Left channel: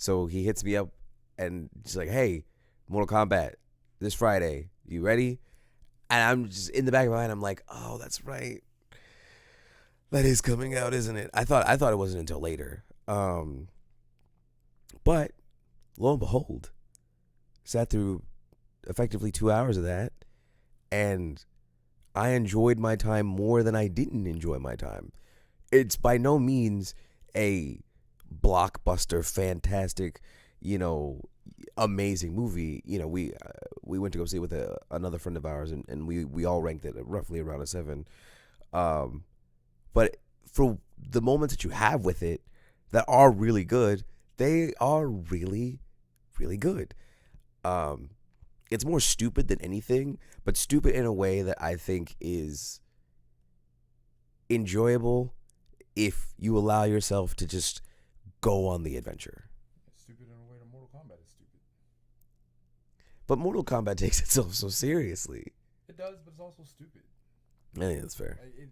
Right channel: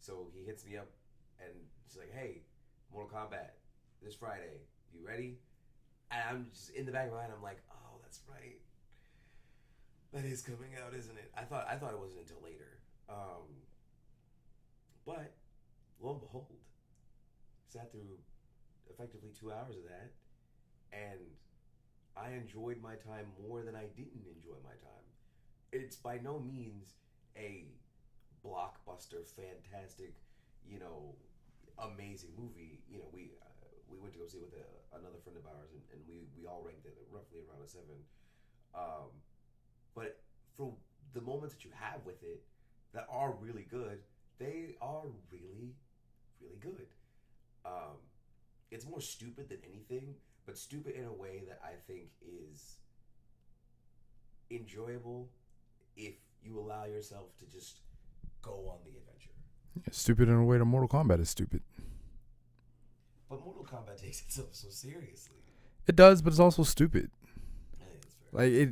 So he hits me up and he's like, "Hey, Mortal Kombat this Friday. You ready?" And I'm just in the back of my mind. I'm like, "Oh, that's right. That is coming out, isn't it?" I thought it wasn't until later. But lo and behold, sat through effectively 2 hours of that, and I enjoyed my time more than I didn't enjoy my time. It's by no means a blockbuster, fantastic, you know, amazing movie. We went to go see it with another friend of ours, and we all ranked it roughly around a 7. Um, but for the moments that you have with it that are really good, they are really, really good. Um, it's more stupid than anything, but stupid in a way that I think is enjoyable if you allow yourself to just go on the adventure. Stupid in a way that Mortal Kombat is stupid. But Mortal Kombat takes itself so seriously. It does, but it's also stupid. I think that's fair. Like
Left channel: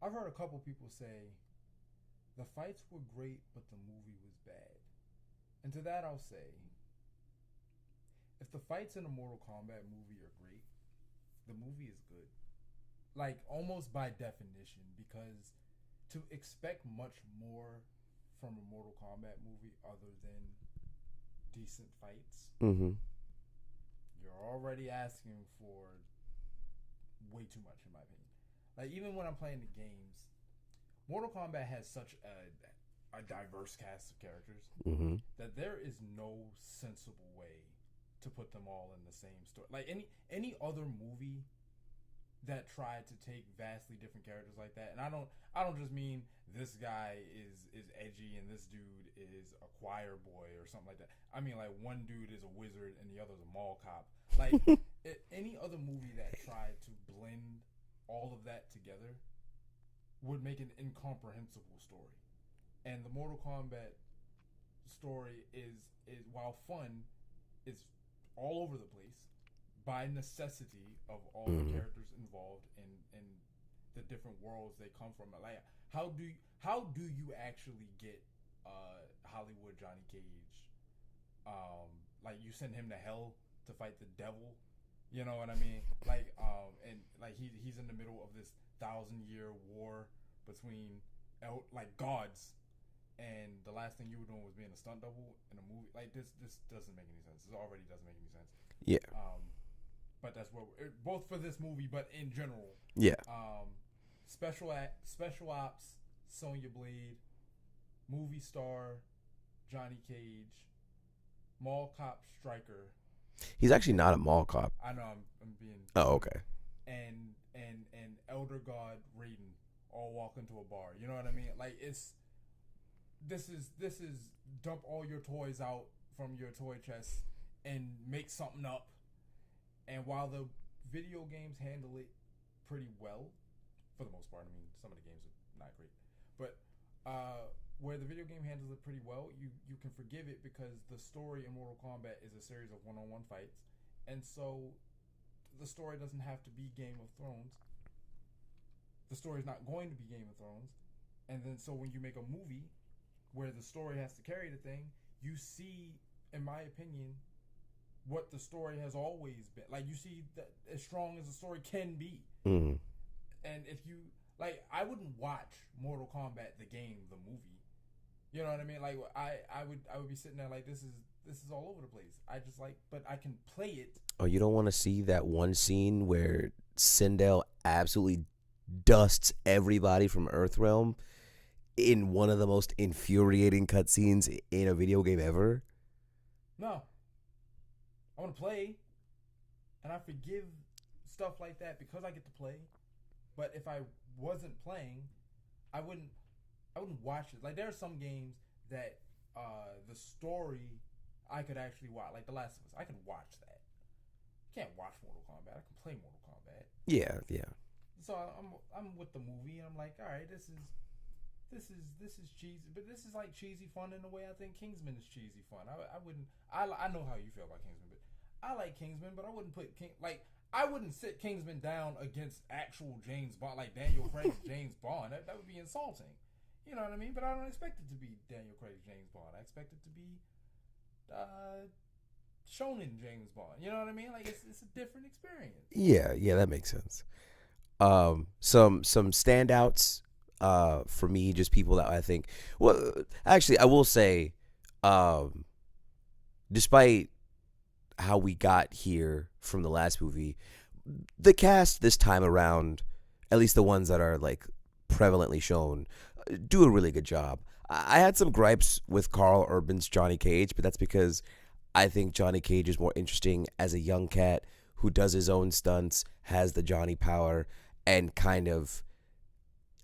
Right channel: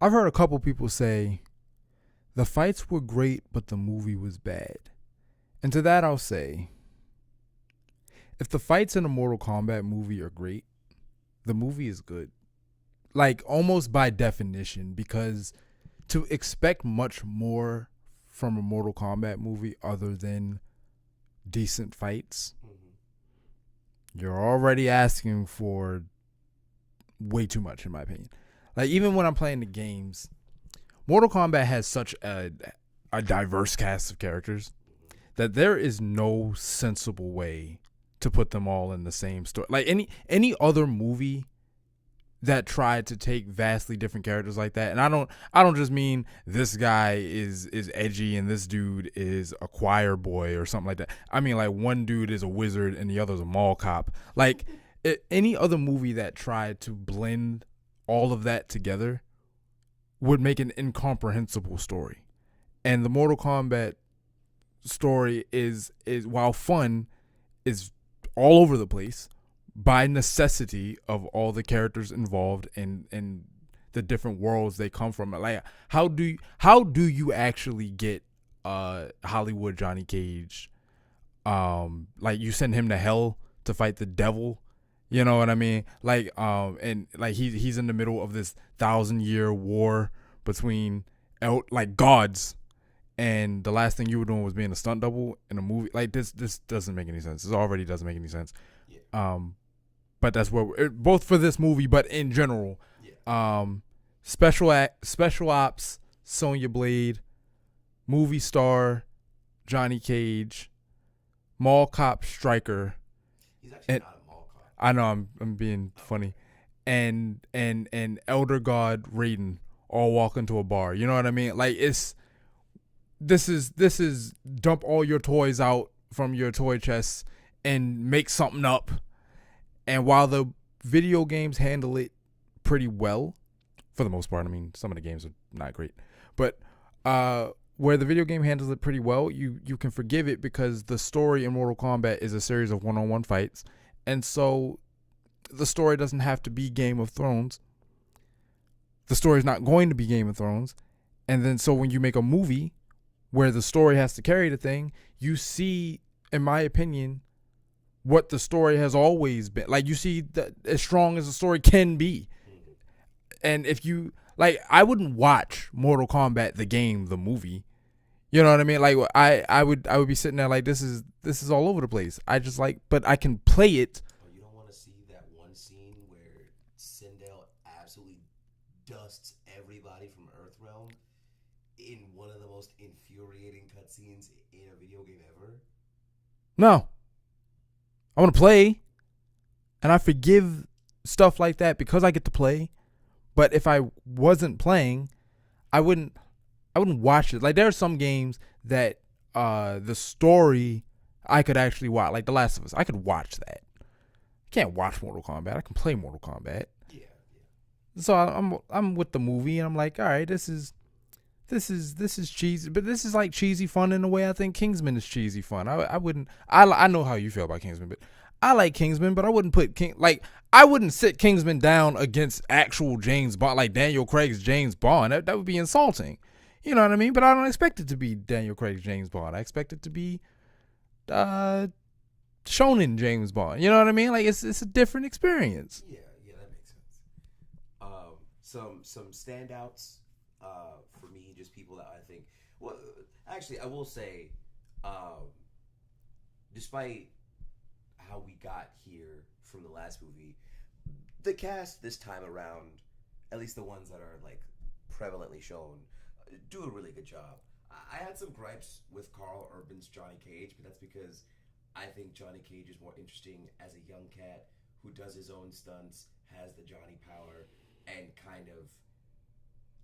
I've heard a couple people say the fights were great, but the movie was bad. And to that I'll say, if the fights in a Mortal Kombat movie are great, the movie is good. Like almost by definition, because to expect much more from a Mortal Kombat movie other than decent fights, you're already asking for way too much, in my opinion. Like even when I'm playing the games, Mortal Kombat has such a diverse cast of characters that there is no sensible way to put them all in the same story. Like any other movie that tried to take vastly different characters like that, and I don't just mean this guy is edgy and this dude is a choir boy or something like that. I mean like one dude is a wizard and the other's a mall cop. Like any other movie that tried to blend all of that together would make an incomprehensible story. And the Mortal Kombat story is while fun, is all over the place by necessity of all the characters involved and the different worlds they come from. Like how do you actually get Hollywood Johnny Cage? Like you send him to hell to fight the devil. You know what I mean? Like and like he's in the middle of this 1,000-year war between like gods. And the last thing you were doing was being a stunt double in a movie. Like this doesn't make any sense. This already doesn't make any sense. Yeah. But that's where both for this movie, but in general. Yeah. Special ops, Sonya Blade, movie star, Johnny Cage, mall cop Stryker. He's actually not a mall cop. I know I'm being funny. Okay. And Elder God Raiden all walk into a bar. You know what I mean? Like this is dump all your toys out from your toy chest and make something up. And while the video games handle it pretty well, for the most part, I mean, some of the games are not great, but where the video game handles it pretty well, you can forgive it because the story in Mortal Kombat is a series of one-on-one fights. And so the story doesn't have to be Game of Thrones. The story is not going to be Game of Thrones. And then so when you make a movie where the story has to carry the thing, you see, in my opinion, what the story has always been. Like you see that as strong as the story can be. Mm-hmm. And if you like, I wouldn't watch Mortal Kombat the game, the movie. You know what I mean? Like I would be sitting there like this is all over the place. I just like, but I can play it. Oh, you don't want to see that one scene where Sindel absolutely dusts everybody from Earthrealm in one of the most infuriating cutscenes in a video game ever? No. I want to play, and I forgive stuff like that because I get to play. But if I wasn't playing, I wouldn't watch it. Like there are some games that the story I could actually watch, like The Last of Us. I could watch that. I can't watch Mortal Kombat. I can play Mortal Kombat. Yeah. So I'm with the movie, and I'm like, all right, this is cheesy, but this is like cheesy fun in a way I think Kingsman is cheesy fun. I know how you feel about Kingsman, but I like Kingsman, but I wouldn't put I wouldn't sit Kingsman down against actual James Bond, like Daniel Craig's James Bond. That would be insulting. You know what I mean? But I don't expect it to be Daniel Craig's James Bond. I expect it to be shonen James Bond. You know what I mean? Like it's a different experience. Yeah, that makes sense. Some standouts for me, just people that I think. Well, actually, I will say, despite how we got here from the last movie, the cast this time around, at least the ones that are like prevalently shown, do a really good job. I had some gripes with Carl Urban's Johnny Cage, but that's because I think Johnny Cage is more interesting as a young cat who does his own stunts, has the Johnny power, and kind of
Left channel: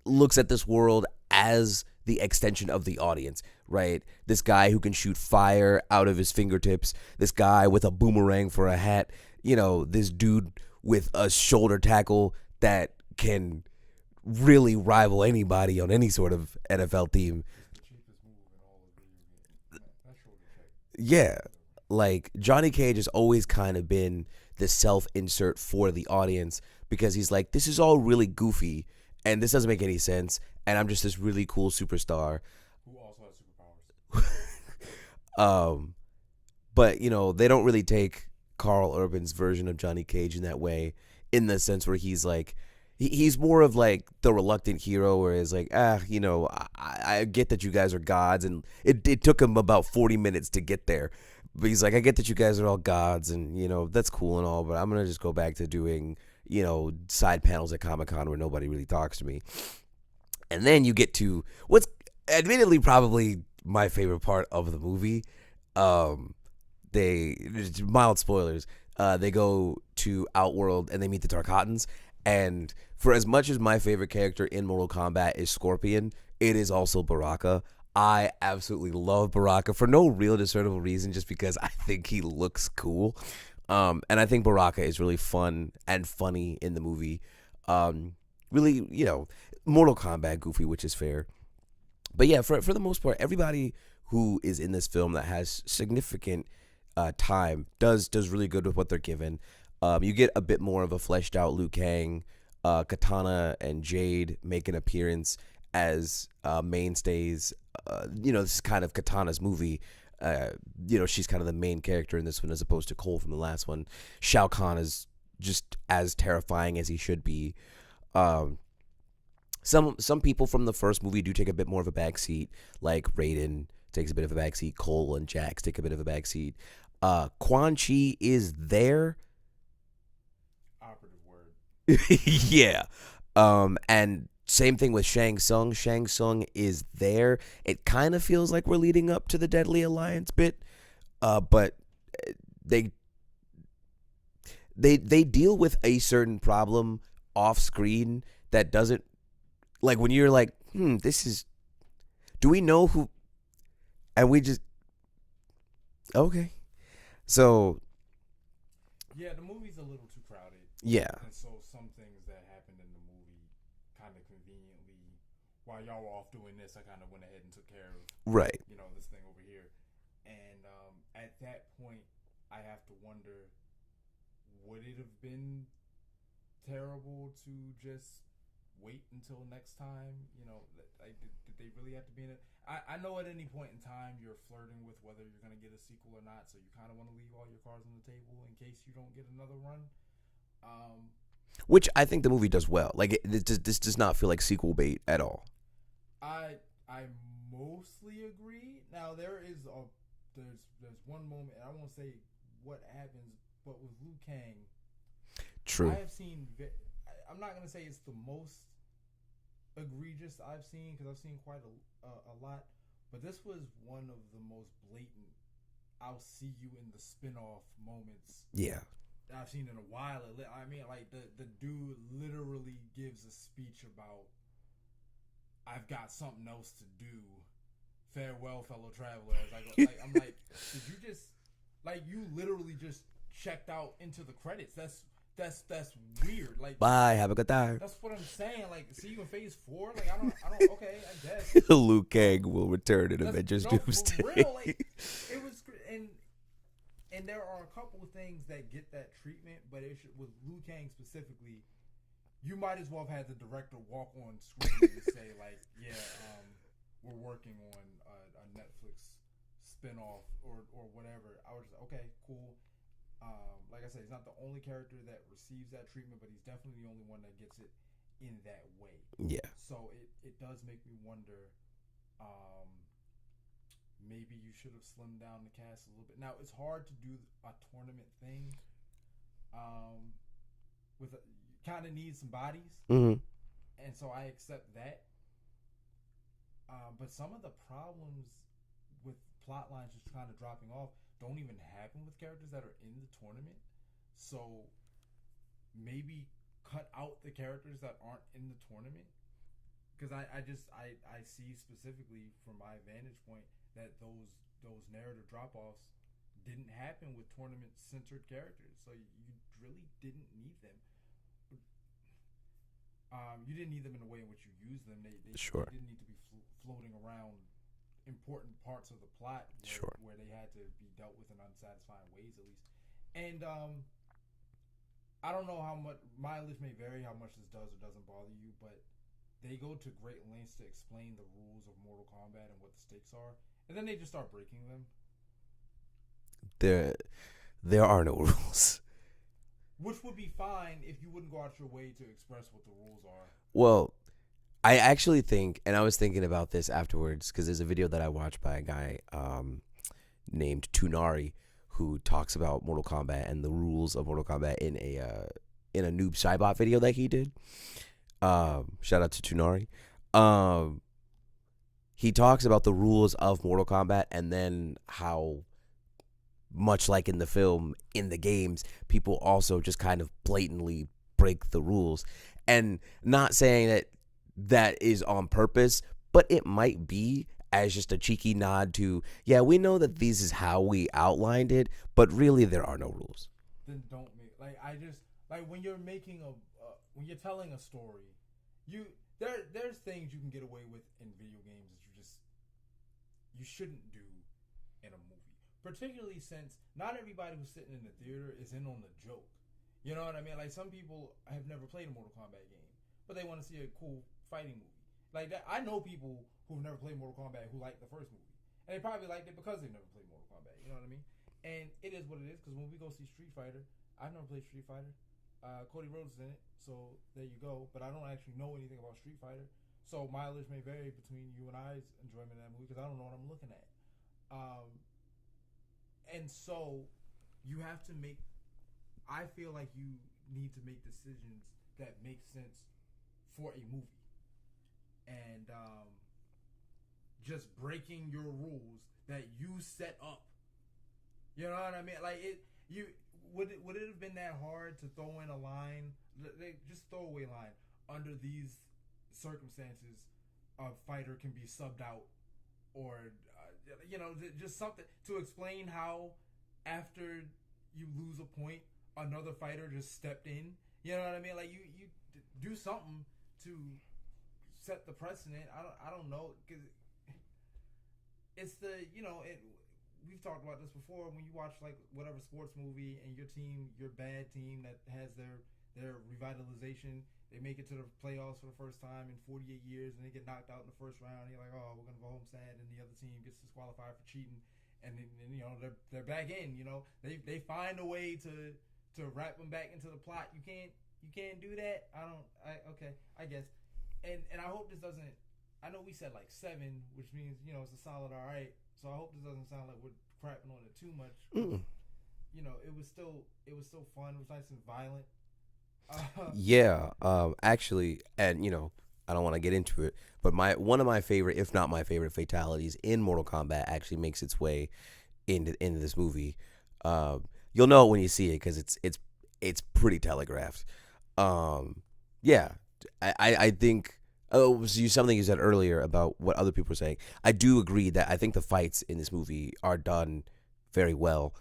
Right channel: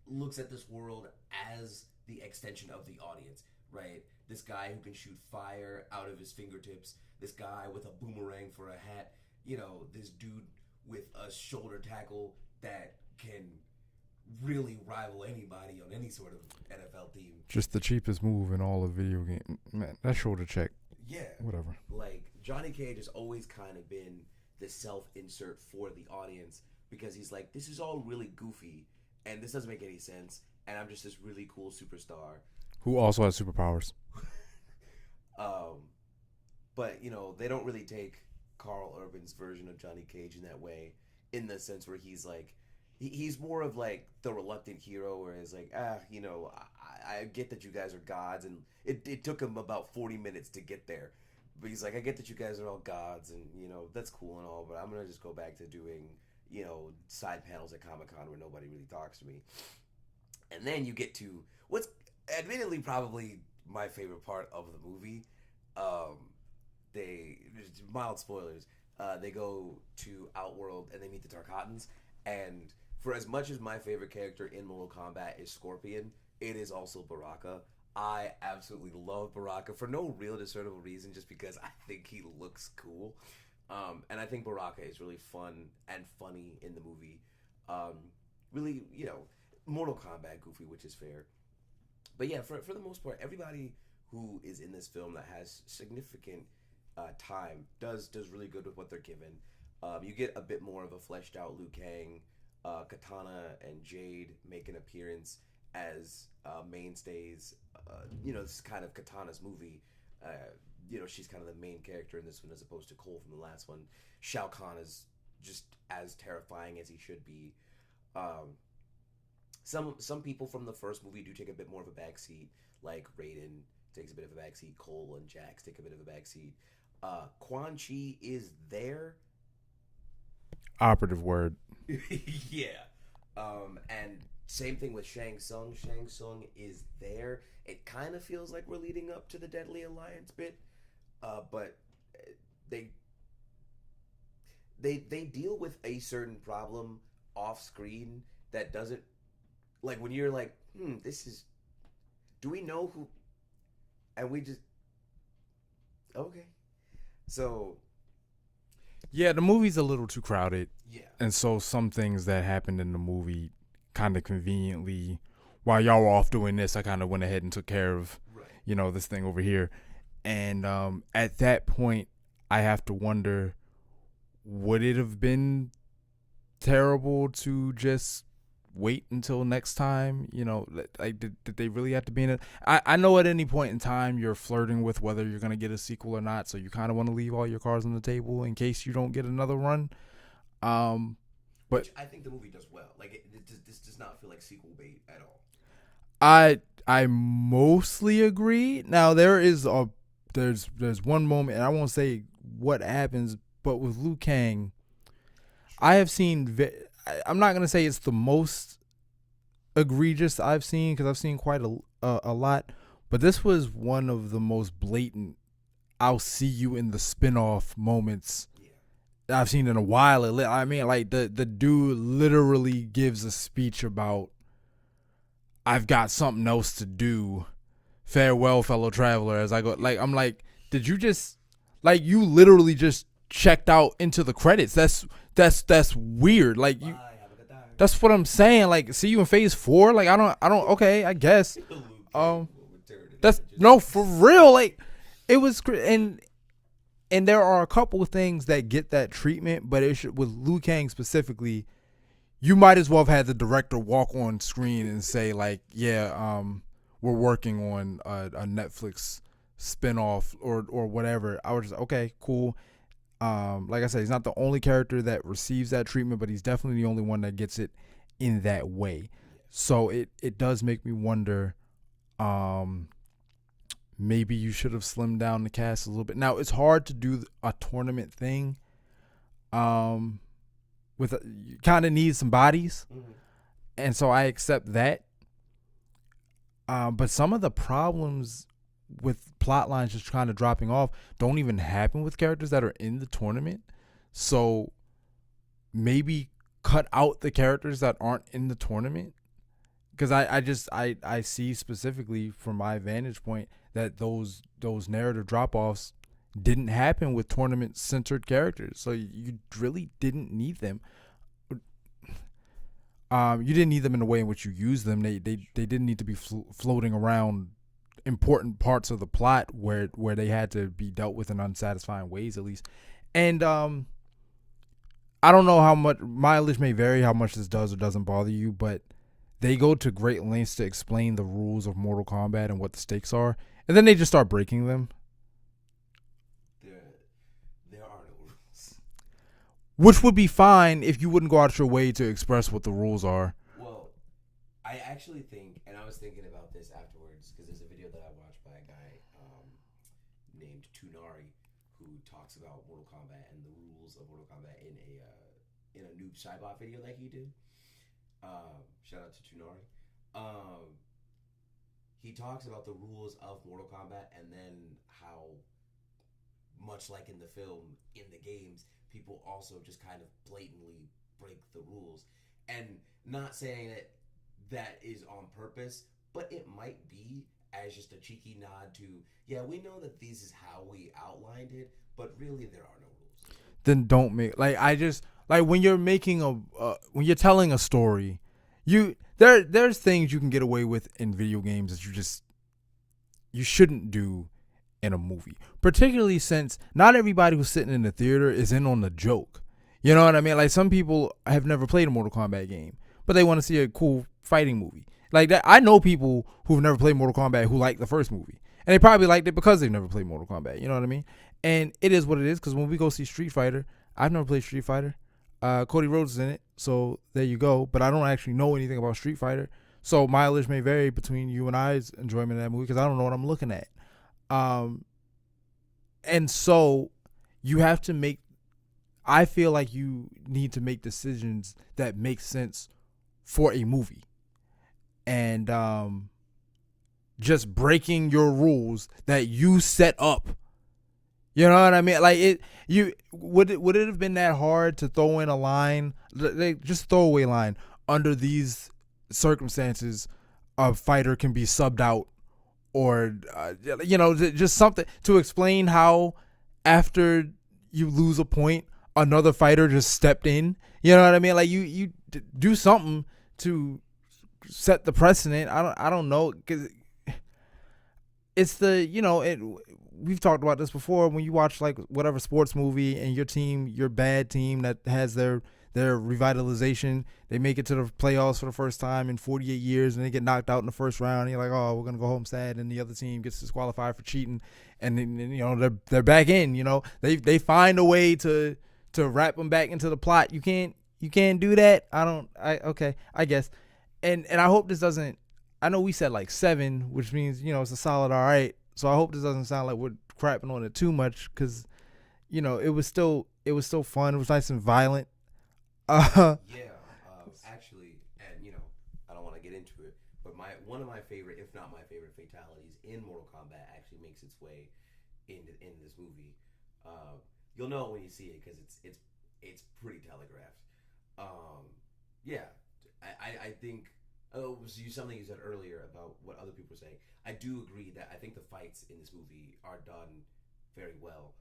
looks at this world as the extension of the audience, right? This guy who can shoot fire out of his fingertips, this guy with a boomerang for a hat, this dude with a shoulder tackle that can really rival anybody on any sort of NFL team. Just the cheapest move in all of video game. Man, that shoulder check. Yeah. Whatever. Like, Johnny Cage has always kind of been the self-insert for the audience because he's like, this is all really goofy and this doesn't make any sense and I'm just this really cool superstar. Who also has superpowers. But, they don't really take Carl Urban's version of Johnny Cage in that way, in the sense where he's like, he's more of like the reluctant hero where it's like, I get that you guys are gods and it took him about 40 minutes to get there. But he's like, I get that you guys are all gods and, that's cool and all, but I'm going to just go back to doing, side panels at Comic-Con where nobody really talks to me. And then you get to what's admittedly probably my favorite part of the movie. Mild spoilers. They go to Outworld and they meet the Tarkatans. And for as much as my favorite character in Mortal Kombat is Scorpion, it is also Baraka. I absolutely love Baraka for no real discernible reason, just because I think he looks cool. And I think Baraka is really fun and funny in the movie. Really, Mortal Kombat goofy, which is fair. But yeah, for the most part, everybody who is in this film that has significant time does really good with what they're given. You get a bit more of a fleshed out Liu Kang. Katana and Jade make an appearance as mainstays. This is kind of Katana's movie. She's kind of the main character in this one as opposed to Cole from the last one. Shao Kahn is just as terrifying as he should be. Some people from the first movie do take a bit more of a backseat, like Raiden takes a bit of a backseat. Cole and Jax take a bit of a backseat. Quan Chi is there. Operative word. Yeah. And same thing with Shang Tsung. Shang Tsung is there. It kind of feels like we're leading up to the Deadly Alliance bit. But they deal with a certain problem off screen that doesn't, like, when you're like, this is, do we know who, and we just, okay. So yeah, the movie's a little too crowded. Yeah. And so some things that happened in the movie kind of conveniently, while y'all were off doing this, I kind of went ahead and took care of, right, this thing over here. And at that point, I have to wonder, would it have been terrible to just wait until next time? Like, did they really have to be in it? I know at any point in time you're flirting with whether you're going to get a sequel or not, so you kind of want to leave all your cards on the table in case you don't get another run. Which I think the movie does well. Like, this does not feel like sequel bait at all. I mostly agree. Now there's one moment, and I won't say what happens, but with Liu Kang, True. I have seen. I'm not gonna say it's the most egregious I've seen, because I've seen quite a lot, but this was one of the most blatant "I'll see you in the spinoff" moments. Yeah. I've seen in a while. I mean, like the dude literally gives a speech about, I've got something else to do. Farewell, fellow traveler. As I go, like, I'm like, did you just, like, you literally just checked out into the credits? That's weird. Like, bye, have a good time. That's what I'm saying. Like, see you in phase 4. Like, I don't. Okay, I guess Liu Kang will return in Avengers. No, for real. Like, it was, and there are a couple of things that get that treatment, but with Liu Kang specifically, you might as well have had the director walk on screen and say, like, yeah, we're working on a Netflix spinoff or whatever, I was just okay, cool. Like I said, he's not the only character that receives that treatment, but he's definitely the only one that gets it in that way. Yeah. So it does make me wonder. Maybe you should have slimmed down the cast a little bit. Now it's hard to do a tournament thing. With you kind of need some bodies, and so I accept that. But some of the problems with plot lines just kind of dropping off don't even happen with characters that are in the tournament. So maybe cut out the characters that aren't in the tournament, because I see specifically from my vantage point that those narrative drop offs didn't happen with tournament centered characters. So you really didn't need them. You didn't need them in the way in which you use them. They didn't need to be floating around important parts of the plot where they had to be dealt with in unsatisfying ways, at least. And I don't know how much, mileage may vary how much this does or doesn't bother you, but they go to great lengths to explain the rules of Mortal Kombat and what the stakes are, and then they just start breaking them. There are no rules. Which would be fine if you wouldn't go out your way to express what the rules are. Well, I actually think, and I was thinking about this afterwards, because there's a video that I watched by a guy named Tunari, who talks about Mortal Kombat and the rules of Mortal Kombat in a Noob Saibot video that he did. Shout out to Tunari. He talks about the rules of Mortal Kombat, and then how, much like in the film, in the games, people also just kind of blatantly break the rules. And not saying that that is on purpose, but it might be as just a cheeky nod to, yeah, we know that this is how we outlined it, but really there are no rules. Then don't make, when you're making when you're telling a story, there's things you can get away with in video games that you shouldn't do in a movie, particularly since not everybody who's sitting in the theater is in on the joke. You know what I mean? Like, some people have never played a Mortal Kombat game, but they want to see a cool fighting movie like that. I know people who've never played Mortal Kombat who like the first movie, and they probably liked it because they've never played Mortal Kombat. You know what I mean? And it is what it is, because when we go see Street Fighter, I've never played Street Fighter. Cody Rhodes is in it, so there you go. But I don't actually know anything about Street Fighter, so mileage may vary between you and I's enjoyment of that movie, because I don't know what I'm looking at. And so you have to make, I feel like you need to make decisions that make sense for a movie. And just breaking your rules that you set up. You know what I mean? Like, would it have been that hard to throw in a line, just throwaway line, under these circumstances a fighter can be subbed out, or just something to explain how after you lose a point another fighter just stepped in. You know what I mean? Like, you do something to set the precedent. I don't know, because it's we've talked about this before. When you watch like whatever sports movie and your bad team that has their revitalization, they make it to the playoffs for the first time in 48 years, and they get knocked out in the first round, and you're like, oh, we're gonna go home sad, and the other team gets disqualified for cheating, and then they're back in. They find a way to wrap them back into the plot. You can't do that. I guess, and I hope this doesn't. I know we said like 7, which means it's a solid all right. So I hope this doesn't sound like we're crapping on it too much, because it was still fun. It was nice and violent. Yeah, actually, and I don't want to get into it, but one of my favorite, if not my favorite, fatalities in Mortal Kombat actually makes its way into this movie. You'll know it when you see it, because it's pretty telegraphed. Yeah, I think. Oh, something you said earlier about what other people were saying. I do agree that I think the fights in this movie are done very well.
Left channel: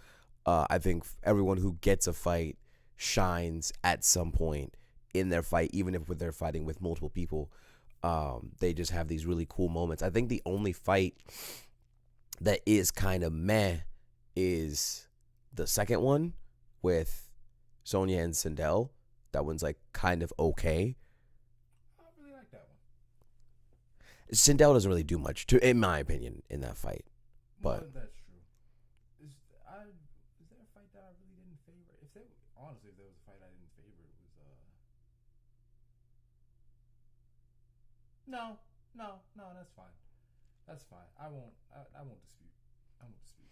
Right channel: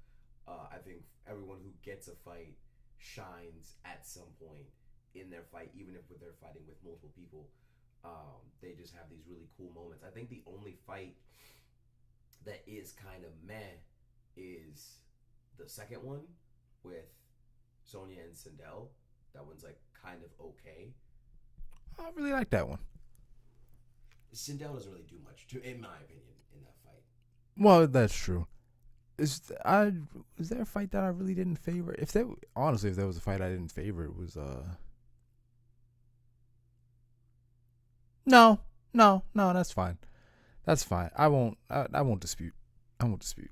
I think everyone who gets a fight shines at some point in their fight, even if they're fighting with multiple people. They just have these really cool moments. I think the only fight that is kind of meh is the second one with Sonya and Sindel. That one's like kind of okay. I really like that one. Sindel doesn't really do much, in my opinion, in that fight. Well, that's true. Is there a fight that I really didn't favor? If there honestly, if there was a fight I didn't favor, it was no, no, that's fine. That's fine. I won't dispute. I won't dispute.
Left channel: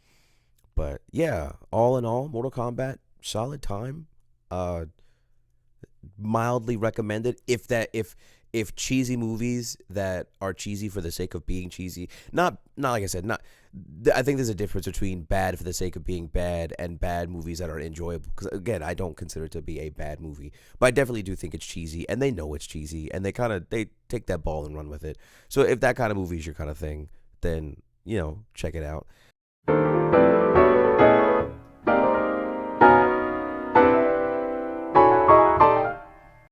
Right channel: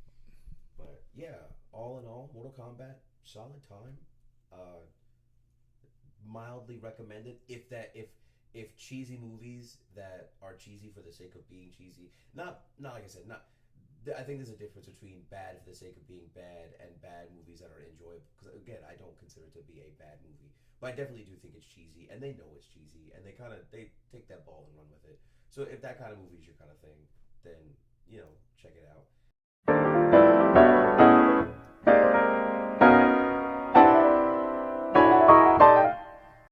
But yeah, all in all, Mortal Kombat, solid time. Uh, Mildly recommended. If cheesy movies that are cheesy for the sake of being cheesy, not like I said, not. I think there's a difference between bad for the sake of being bad and bad movies that are enjoyable. Because again, I don't consider it to be a bad movie, but I definitely do think it's cheesy, and they know it's cheesy, and they take that ball and run with it. So if that kind of movie is your kind of thing, then check it out.